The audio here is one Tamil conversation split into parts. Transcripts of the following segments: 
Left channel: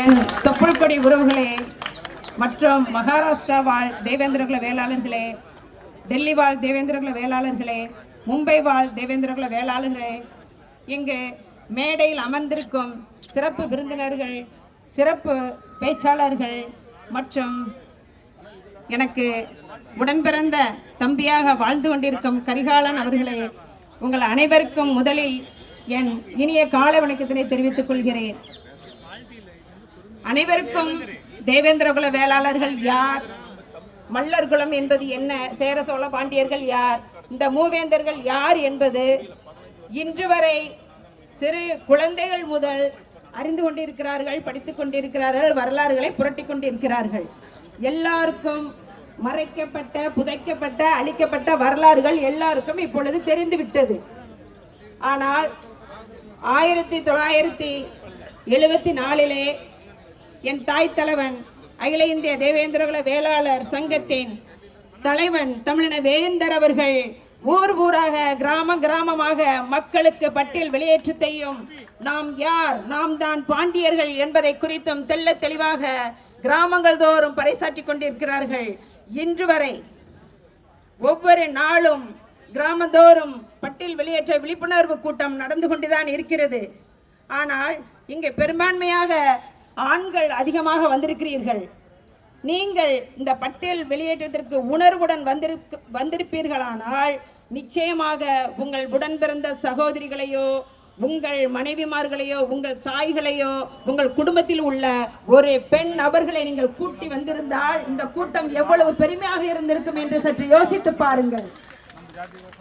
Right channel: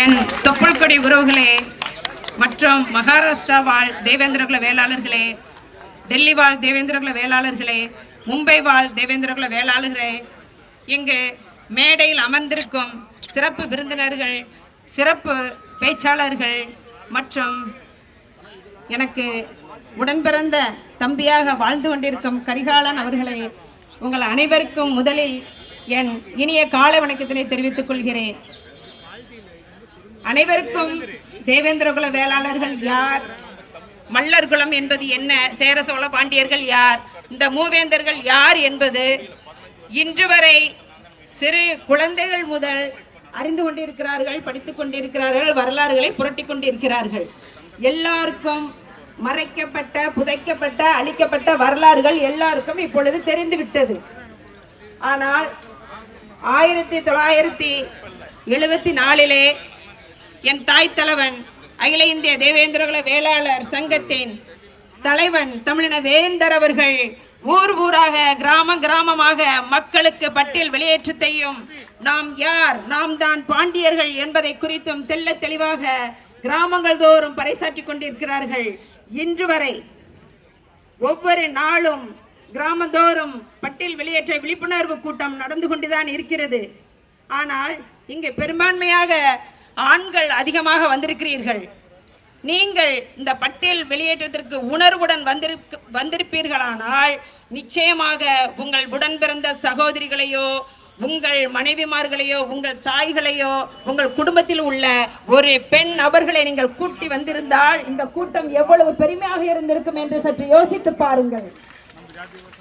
என் தொப்புள்கொடி உறவுகளே மற்றும் மகாராஷ்டிரா வாழ் தேவேந்திரகுல வேளாளர்களே டெல்லி வாழ் தேவேந்திரகுல வேளாளர்களே மும்பை வாழ் தேவேந்திரகுல வேளாளர்களே இங்கு மேடையில் அமர்ந்திருக்கும் சிறப்பு விருந்தினர்கள் சிறப்பு பேச்சாளர்கள் மற்றும் எனக்கு உடன்பிறந்த தம்பியாக வாழ்ந்து கொண்டிருக்கும் கரிகாலன் அவர்களே உங்கள் அனைவருக்கும் முதலில் என் இனிய காலை வணக்கத்தினை தெரிவித்துக் கொள்கிறேன். அனைவருக்கும் தேவேந்திரகுல வேளாளர்கள் யார்? மல்லர் குலம் என்பது என்ன? சேர சோழ பாண்டியர்கள் யார்? இந்த மூவேந்தர்கள் யார் என்பது இன்று வரை சிறு குழந்தைகள் முதல் அறிந்து கொண்டிருக்கிறார்கள் படித்துக் கொண்டிருக்கிறார்கள் வரலாறுகளை புரட்டி கொண்டிருக்கிறார்கள். எல்லாருக்கும் மறைக்கப்பட்ட புதைக்கப்பட்ட அழிக்கப்பட்ட வரலாறுகள் எல்லாருக்கும் இப்பொழுது தெரிந்துவிட்டது. ஆனால் ஆயிரத்தி தொள்ளாயிரத்தி எழுபத்தி நாலிலே என் தாய் தலைவன் அகில இந்திய தேவேந்திரகுல வேளாளர் சங்கத்தின் தலைவன் தமிழின வேந்தர் அவர்கள் ஊர் ஊராக கிராம கிராமமாக மக்களுக்கு பட்டியல் வெளியேற்றத்தையும் நாம் யார் நாம் தான் பாண்டியர்கள் என்பதை குறித்தும் தெள்ள தெளிவாக கிராமங்கள் தோறும் பறைசாற்றி கொண்டிருக்கிறார்கள். இன்று வரை ஒவ்வொரு நாளும் கிராமந்தோறும் பட்டியல் வெளியேற்ற விழிப்புணர்வு கூட்டம் நடந்து கொண்டுதான் இருக்கிறது. ஆனால் இங்கே பெரும்பான்மையாக ஆண்கள் அதிகமாக வந்திருக்கிறீர்கள். நீங்கள் இந்த பட்டியல் வெளியேற்றத்திற்கு உணர்வுடன் வந்திருக்கு வந்திருப்பீர்களானால் நிச்சயமாக உங்கள் உடன் பிறந்த சகோதரிகளையோ உங்கள் மனைவிமார்களையோ உங்கள் தாய்களையோ உங்கள் குடும்பத்தில் உள்ள ஒரு பெண் நபர்களை நீங்கள் கூட்டி வந்திருந்தால் இந்த கூட்டம் எவ்வளவு பெருமையாக இருந்திருக்கும் என்று சற்று யோசித்து பாருங்கள்.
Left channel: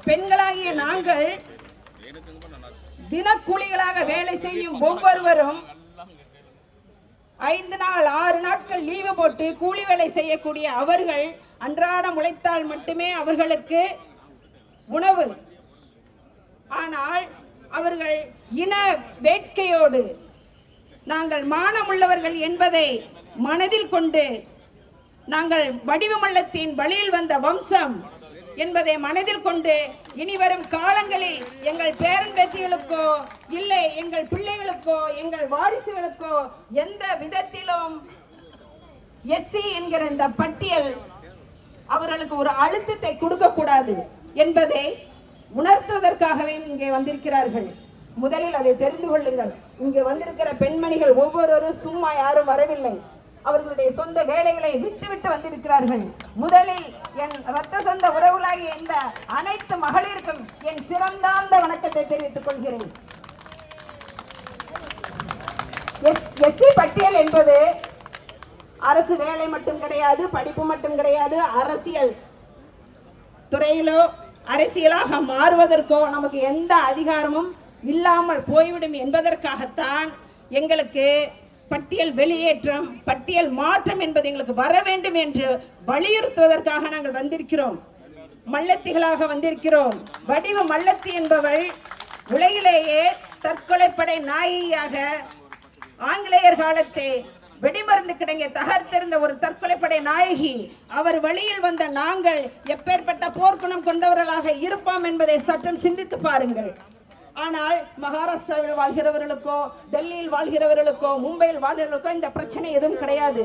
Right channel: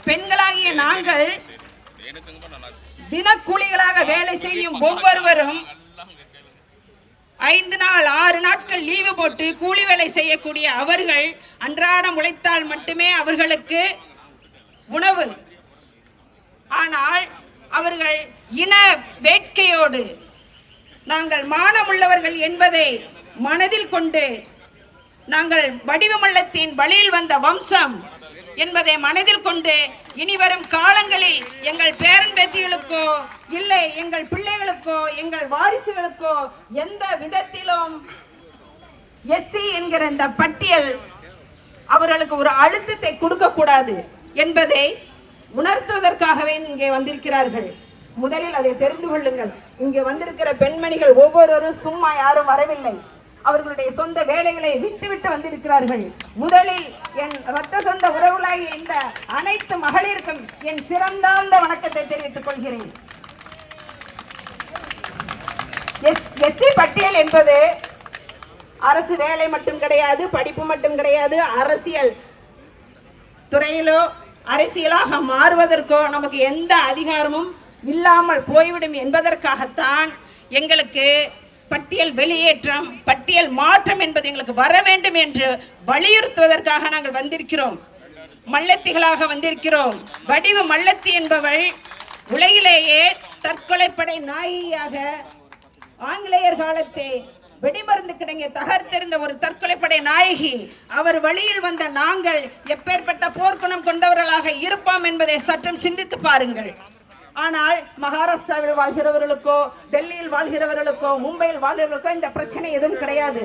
பெண்களாகிய நாங்கள் தினக்கூலிகளாக வேலை செய்யும் ஒவ்வொருவரும் ஐந்து நாள் ஆறு நாட்கள் லீவு போட்டு கூலி வேலை செய்யக்கூடிய அவர்கள் அன்றாடம் உழைத்தால் மட்டுமே அவர்களுக்கு உணவு. ஆனால் அவர்கள் இன வேட்கையோடு நாங்கள் மானமுள்ளவர்கள் என்பதை மனதில் கொண்டு நாங்கள் வடிவமல்லத்தின் வழியில் வந்த வம்சம் என்பதை மனதில் கொண்டு இனிவரும் காலங்களில் எங்கள் பேரன் பேத்திகளுக்கோ இல்லை எங்கள் பிள்ளைகளுக்கோ எங்கள் வாரிசுகளுக்கோ எந்த விதத்திலும் எஸ்சி என்கிற இந்த பட்டியல் அவர்களுக்கு ஒரு அழுத்தத்தை கொடுக்க கூடாது என்பதை உணர்த்துவதற்காகவே இங்கே வந்திருக்கிறார்கள். முதலில் அதை தெரிந்து கொள்ளுங்கள். இங்கே வந்திருக்கிற பெண்மணிகள் ஒவ்வொருவரும் சும்மா யாரும் வரவில்லை. அவர்களுடைய சொந்த வேலைகளை விட்டுவிட்டு வந்திருக்கிறார்கள். முதலில் ரத்த சொந்த உறவுகளாகிய இந்த அனைத்து மகளிருக்கும் என் சிறந்தாந்த வணக்கத்தை தெரிவித்துக் கொள்கிறேன். எஸ் எஸ்சி பட்டியல் என்பது அரசு வேலை மட்டும் கிடையாது படிப்பு மட்டும் கிடையாது அரசியல் துறையிலோ அரசியலாக மாறுவதற்கோ நமக்கு எந்த அதிகாரமும் இல்லாமல் போய்விடும் என்பதற்காகத்தான் எங்களுக்கு பட்டியல் வெளியேற்றம் பட்டியல் மாற்றம் என்பது எங்களுக்கு வர வேண்டும் என்று வலியுறுத்துவதற்காக நாங்கள் வந்திருக்கிறோம். மல்லத்திகளாக வந்திருக்கிறோம். வடிவு மல்லத்தி என்பவள் உலகிலேயே தற்கொலைப்படை நாயியாக ஆங்கிலேயர் காலத்தை வெடிமருந்து கிடங்கிய தகர்த்தெறிந்த ஒரு தற்கொலைப்படை நாயகி. அவர் வழியில் வந்த நாங்கள் எப்பேற்பட்ட போர்க்குணம் கொண்டவர்களாக இருப்போம் என்பதை சற்றும் சிந்தித்து பாருங்கள். ஆனால் மகாராஷ்டிராவில் வாழ்கிறவர்களுக்கோ டெல்லியில் வாழ்கிறவர்களுக்கோ மும்பையில் வாழ்கிறவர்களுக்கோ இந்த பிரச்சனை எதுவும் கிடையாது.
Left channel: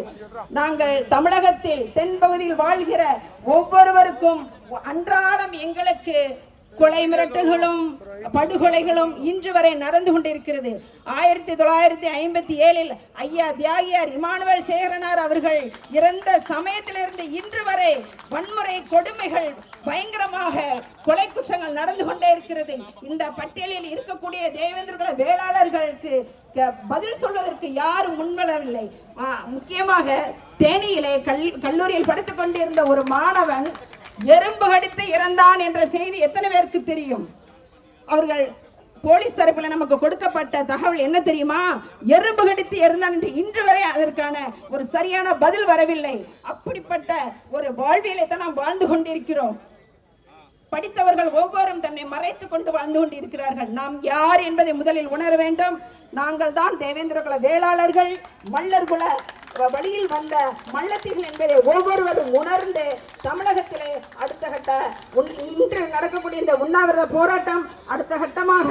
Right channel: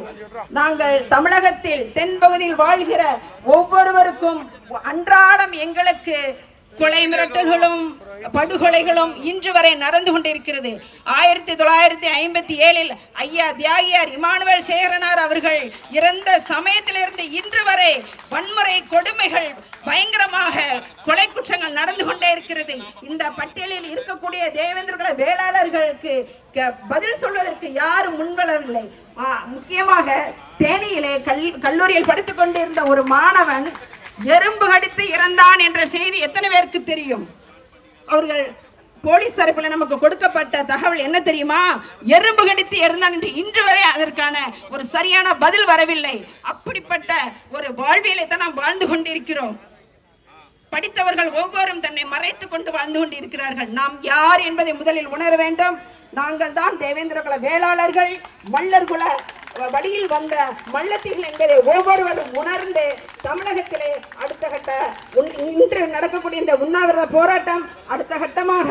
நாங்கள் தமிழகத்தில் தென்பகுதியில் வாழ்கிற ஒவ்வொருவருக்கும் அன்றாடம் எங்களுக்கு கொலை மிரட்டல்களும் படுகொலைகளும் இன்று வரை நடந்து கொண்டிருக்கிறது. ஆயிரத்தி தொள்ளாயிரத்தி ஐம்பத்தி ஏழில் ஐயா தியாகியார் இமானுவேல் சேகரனார் அவர்கள் இறந்த சமயத்திலிருந்து இன்று வரை வன்முறை கொடுமைகள் கொலை குற்றங்கள் நடந்து கொண்டே இருக்கிறது. இந்த பட்டியலில் இருக்கக்கூடிய தேவேந்திரகுல வேளாளர்களுக்கு பதில் சொல்வதற்கு யாரும் முன்வரவில்லை. முக்கியமாக தேனியிலே கல் கல்லூரியில் படித்துக் கொண்டிருந்த ஒரு மாணவன் எறும்பு கடித்து இறந்தான் என்ற செய்தி எத்தனை பேருக்கு தெரியும்? அவர்கள் போலீஸ் தரப்பில் நமக்கு கொடுக்கப்பட்ட தகவல் என்ன தெரியுமா? எறும்பு கடித்து இறந்தான் என்று இன்று வரை அதற்கான ஒரு சரியான பதில் வரவில்லை. அப்படிப்பட்ட ஒரு வாழ்வியலை தான் நாம் வாழ்ந்து கொண்டிருக்கிறோம். படித்தவர்கள் ஒவ்வொரும் தன்னை மறைத்து கொண்டு வாழ்ந்து கொண்டிருக்கிறார்கள். நாம் யார் என்பதை முதலில் உணர வேண்டும். நாங்கள் தான் தேவேந்திர குல வேளாளர்கள். மல்லர் குல வழியில் வந்த மல்லத்திகள் என்பதை ஒவ்வொருவரும் உணர்ந்து தமிழகத்திலே அடுத்த கட்ட இன்று நடக்கக்கூடிய இந்த உண்ணாவிரத போராட்டம் அடுத்த கட்டமாக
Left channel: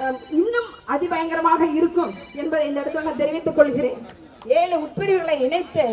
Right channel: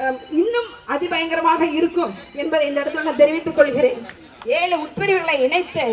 அஹ், இன்னும் அதிபயங்கரமாக இருக்கும் என்பதை இந்த இடத்துல நான் தெரிவித்துக் கொள்கிறேன். ஏழு உட்பிரிவுகளை இணைத்து